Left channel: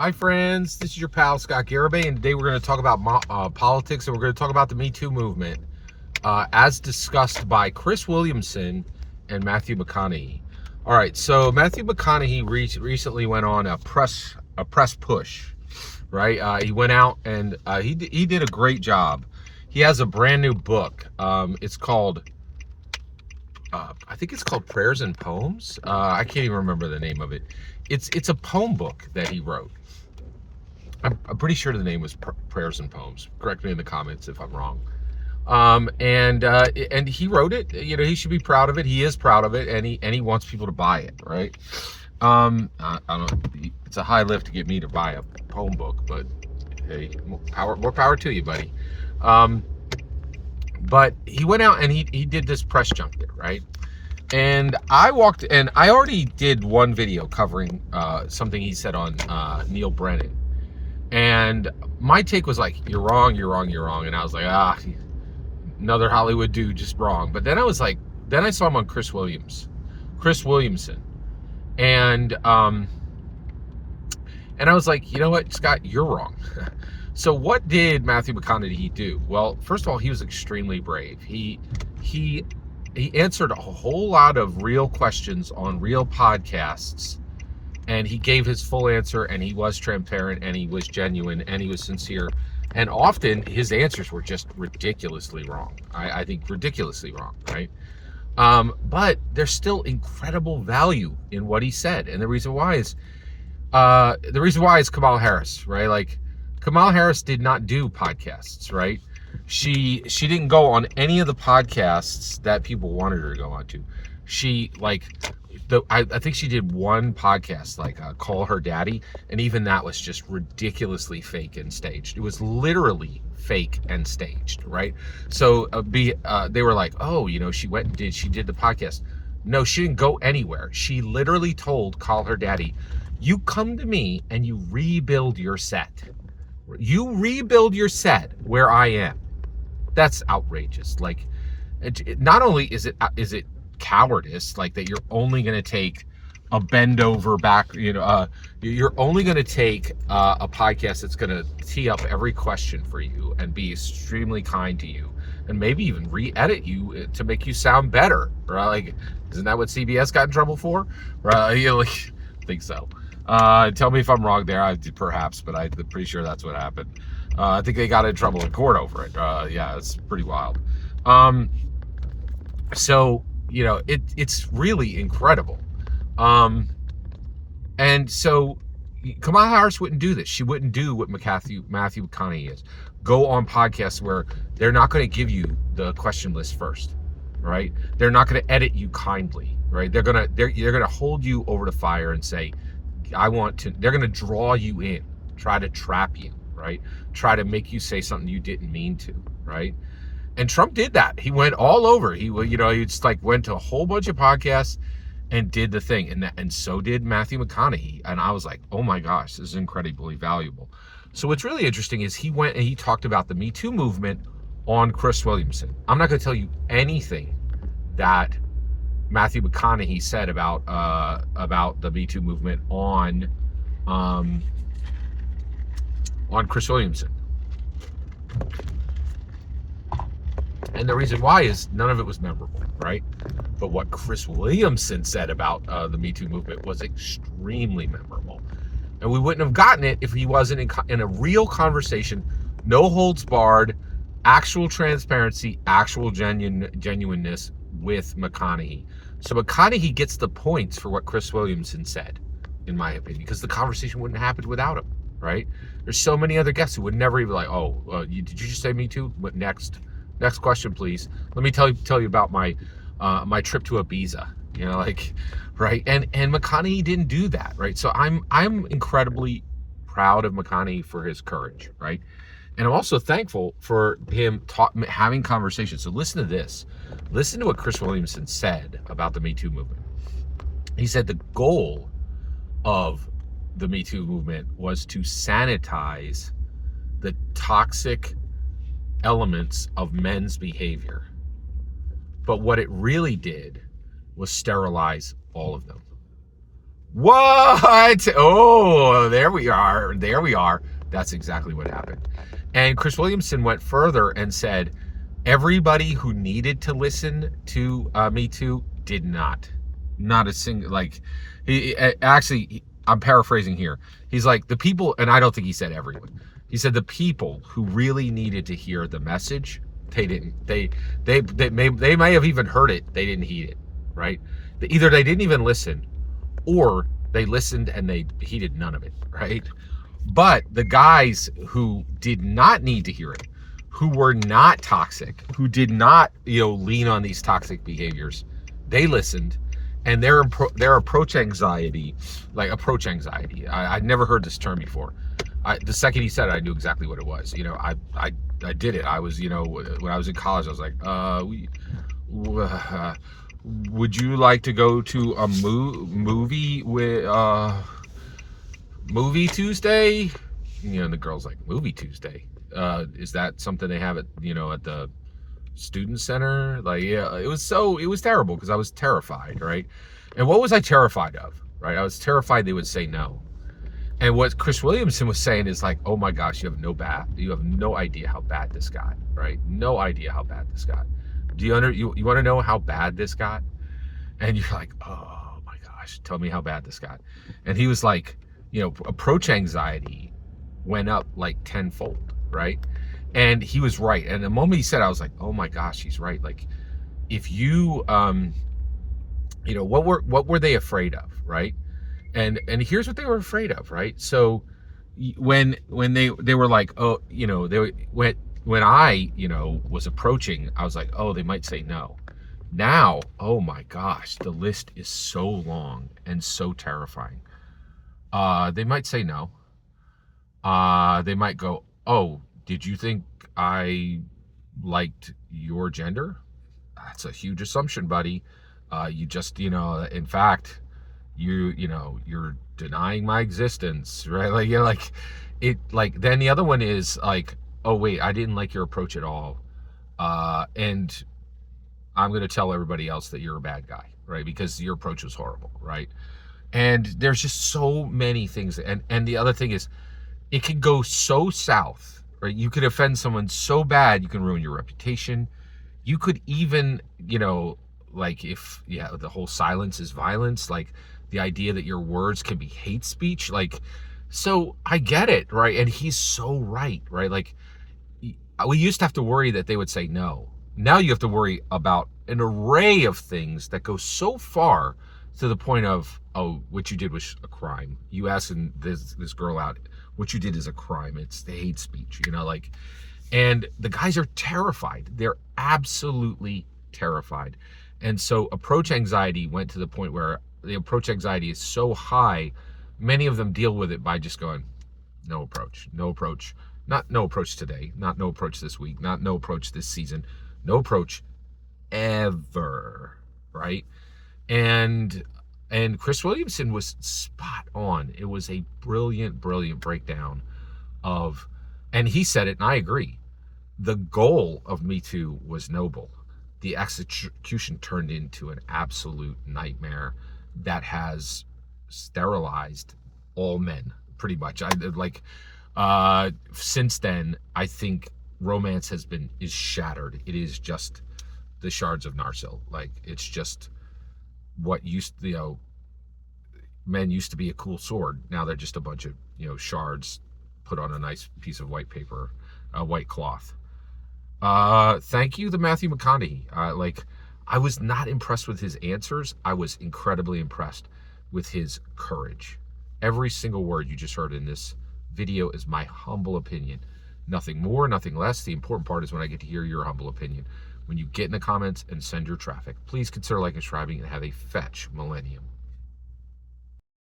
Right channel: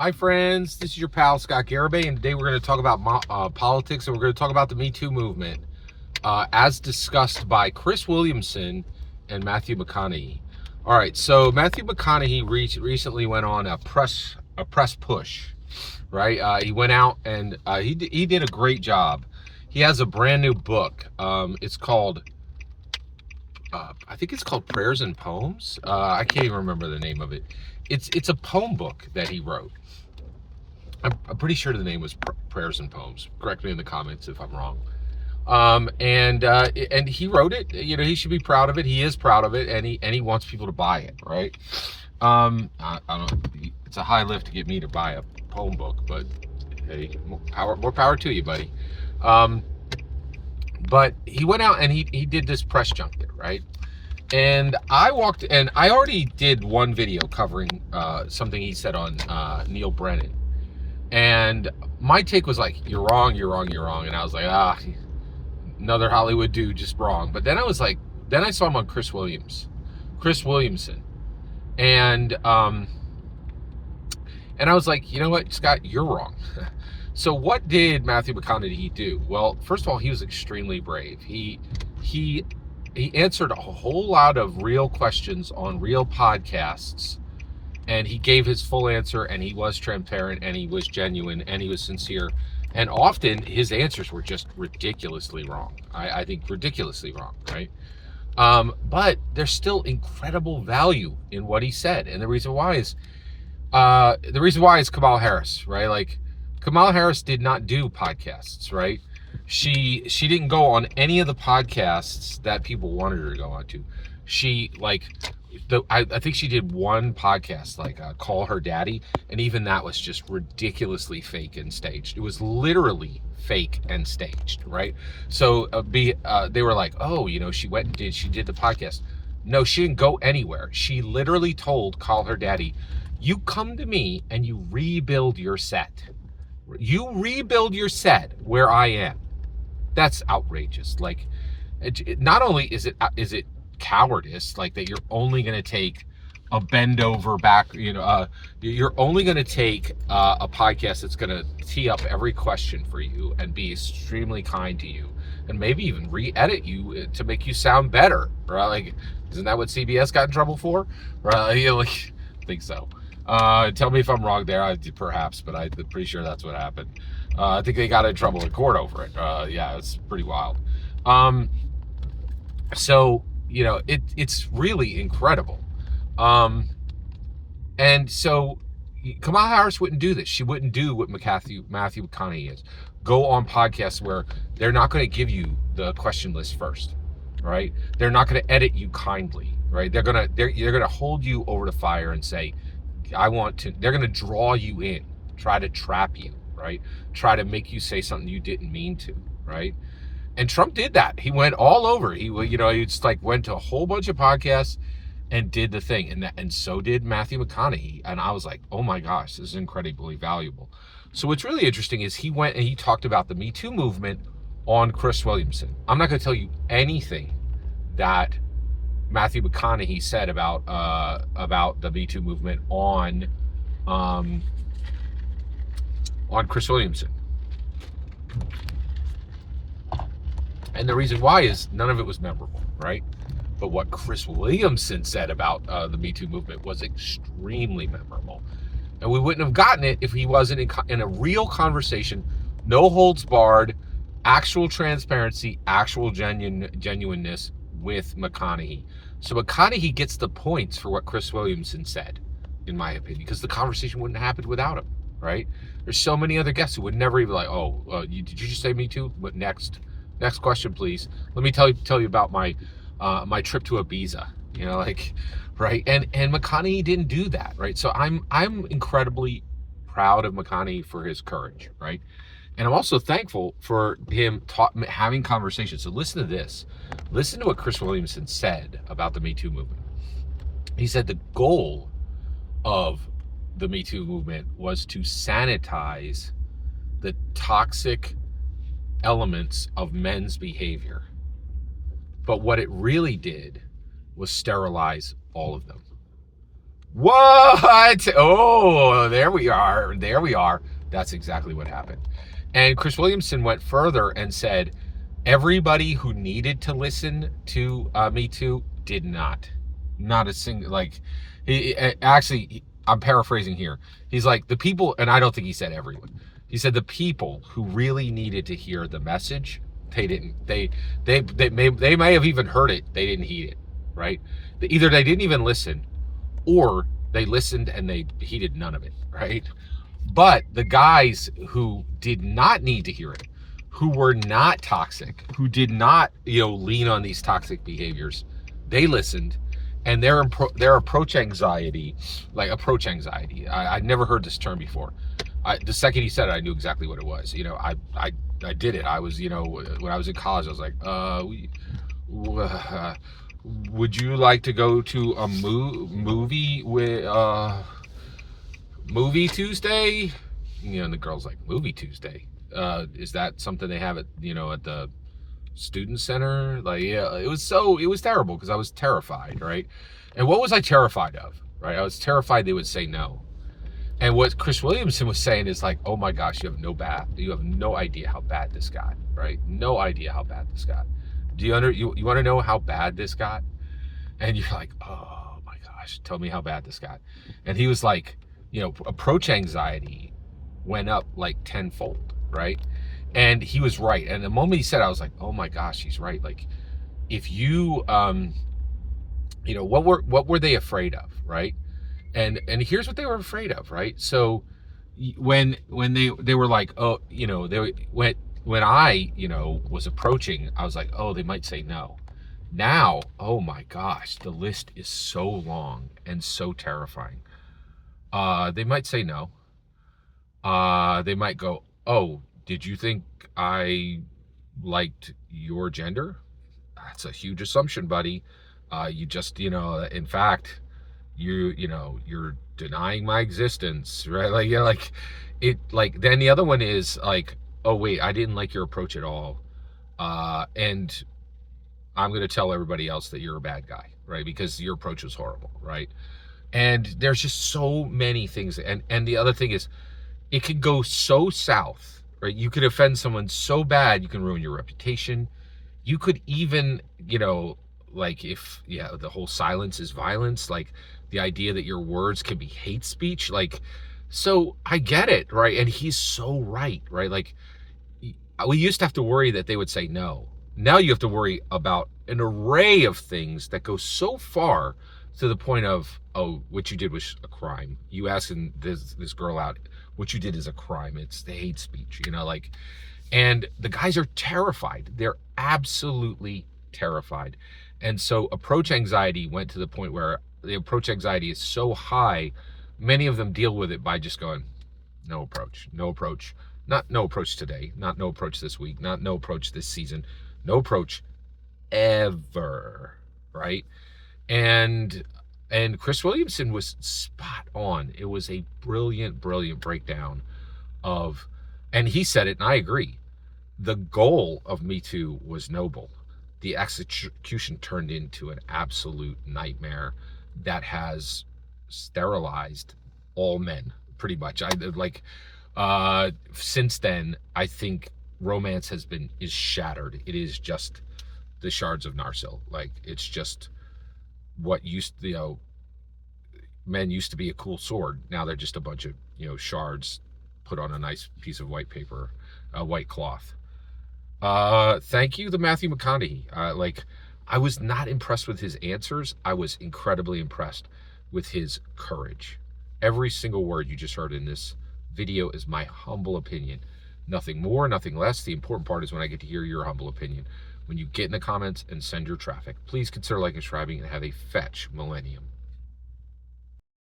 Hi friends, this is your pal Scott Garibay, and today we're going to talk about politics, and we're going to talk about the Me Too movement, as discussed by Chris Williamson and Matthew McConaughey. All right, so Matthew McConaughey recently went on a press push, right? He went out and he did a great job. He has a brand new book. It's called I think it's called Prayers and Poems. I can't even remember the name of it. It's a poem book that he wrote. I'm pretty sure the name was Prayers and Poems. Correct me in the comments if I'm wrong. And he wrote it. You know, he should be proud of it. He is proud of it, and he wants people to buy it, right? I don't. It's a high lift to get me to buy a poem book, but hey, more power to you, buddy. Um, but he went out and he did this press junket, right? And I already did one video covering something he said on Neil Brennan. And my take was like, you're wrong. And I was like, another Hollywood dude just wrong. But then I was like, then I saw him on Chris Williamson. And I was like, you know what, Scott, you're wrong. So what did Matthew McConaughey do? Well, first of all, he was extremely brave. He answered a whole lot of real questions on real podcasts. And he gave his full answer, and he was transparent, and he was genuine, and he was sincere. And often his answers were just ridiculously wrong. I think ridiculously wrong, right? But there's still incredible value in what he said. And the reason why is Kamala Harris, right? Like, Kamala Harris did not do podcasts, right? She didn't go on any of the podcasts that people wanted her to go on to. I think she did one podcast, like Call Her Daddy, and even that was just ridiculously fake and staged. It was literally fake and staged, right? So they were like, oh, you know, she did the podcast. No, she didn't go anywhere. She literally told Call Her Daddy, you come to me and you rebuild your set. You rebuild your set where I am. That's outrageous. Like, not only is it cowardice, like that you're only going to take a bend over back, you're only going to take a podcast that's going to tee up every question for you and be extremely kind to you and maybe even re-edit you to make you sound better, right? Like, isn't that what CBS got in trouble for? Right? I think so. Tell me if I'm wrong there, perhaps, but I'm pretty sure that's what happened. I think they got in trouble in court over it. Yeah, it's pretty wild. So, you know, it's really incredible. And so Kamala Harris wouldn't do this. She wouldn't do what Matthew McConaughey is. Go on podcasts where they're not going to give you the question list first, right? They're not going to edit you kindly, right? They're going to hold you over the fire and say, they're going to draw you in, try to trap you, right? Try to make you say something you didn't mean to, right? And Trump did that. He went all over. He just like went to a whole bunch of podcasts and did the thing. And so did Matthew McConaughey. And I was like, oh my gosh, this is incredibly valuable. So what's really interesting is he went and he talked about the Me Too movement on Chris Williamson. I'm not going to tell you anything that Matthew McConaughey said about the Me Too movement on Chris Williamson. And the reason why is none of it was memorable, right? But what Chris Williamson said about the Me Too movement was extremely memorable. And we wouldn't have gotten it if he wasn't in a real conversation, no holds barred, actual transparency, actual genuineness with McConaughey. So McConaughey gets the points for what Chris Williamson said, in my opinion, because the conversation wouldn't have happened without him, right? There's so many other guests who would never even like, did you just say Me Too? What next? Next question, please. Let me tell you about my trip to Ibiza. You know, like, right? And McConaughey didn't do that, right? So I'm incredibly proud of McConaughey for his courage, right? And I'm also thankful for him having conversations. So listen to this. Listen to what Chris Williamson said about the Me Too movement. He said the goal of the Me Too movement was to sanitize the toxic elements of men's behavior. But what it really did was sterilize all of them. What? Oh, there we are. There we are. That's exactly what happened. And Chris Williamson went further and said, everybody who needed to listen to Me Too did not. Not a single, like, actually, I'm paraphrasing here. He's like, the people, and I don't think he said everyone. He said the people who really needed to hear the message, they didn't. They may have even heard it. They didn't heed it, right? Either they didn't even listen, or they listened and they heeded none of it, right? But the guys who did not need to hear it, who were not toxic, who did not, lean on these toxic behaviors, they listened, and their approach anxiety, I'd never heard this term before. The second he said it, I knew exactly what it was. I did it. I was, when I was in college, I was like, would you like to go to a movie with Movie Tuesday? The girl's like, Movie Tuesday? Is that something they have at the student center? Like, yeah, it was terrible because I was terrified, right? And what was I terrified of, right? I was terrified they would say no. And what Chris Williamson was saying is like, oh my gosh, you have no idea how bad this got, right? No idea how bad this got. Do you want to know how bad this got? And you're like, oh my gosh, tell me how bad this got. And he was like, approach anxiety went up like tenfold, right? And he was right. And the moment he said, I was like, oh my gosh, he's right. Like, if you, what were they afraid of, right? And here's what they were afraid of, right? So when they were like, oh, when I, was approaching, I was like, oh, they might say no. Now, oh my gosh, the list is so long and so terrifying. They might say no. They might go, oh, did you think I liked your gender? That's a huge assumption, buddy. You just, in fact, you're denying my existence, right? Then the other one is like, oh wait, I didn't like your approach at all. And I'm going to tell everybody else that you're a bad guy, right? Because your approach was horrible, right? And there's just so many things. And the other thing is, it could go so south, right? You could offend someone so bad, you can ruin your reputation. You could even, the whole silence is violence, like the idea that your words can be hate speech. Like, so I get it, right? And he's so right, right? Like, we used to have to worry that they would say no. Now you have to worry about an array of things that go so far to the point of, oh, what you did was a crime. You asking this girl out, what you did is a crime. It's the hate speech, and the guys are terrified. They're absolutely terrified. And so approach anxiety went to the point where the approach anxiety is so high, many of them deal with it by just going, no approach, not no approach today, not no approach this week, not no approach this season, no approach ever, right? And Chris Williamson was spot on. It was a brilliant breakdown of, and he said it, and I agree, the goal of Me Too was noble. The execution turned into an absolute nightmare that has sterilized all men, pretty much. Since then, I think romance is shattered. It is just the shards of Narsil. Like, it's just what men used to be a cool sword. Now they're just a bunch of, shards put on a nice piece of white paper, white cloth. Thank you, the Matthew McConaughey. I was not impressed with his answers. I was incredibly impressed with his courage. Every single word you just heard in this video is my humble opinion. Nothing more, nothing less. The important part is when I get to hear your humble opinion. When you get in the comments and send your traffic, please consider liking and subscribing, and have a fetch millennium.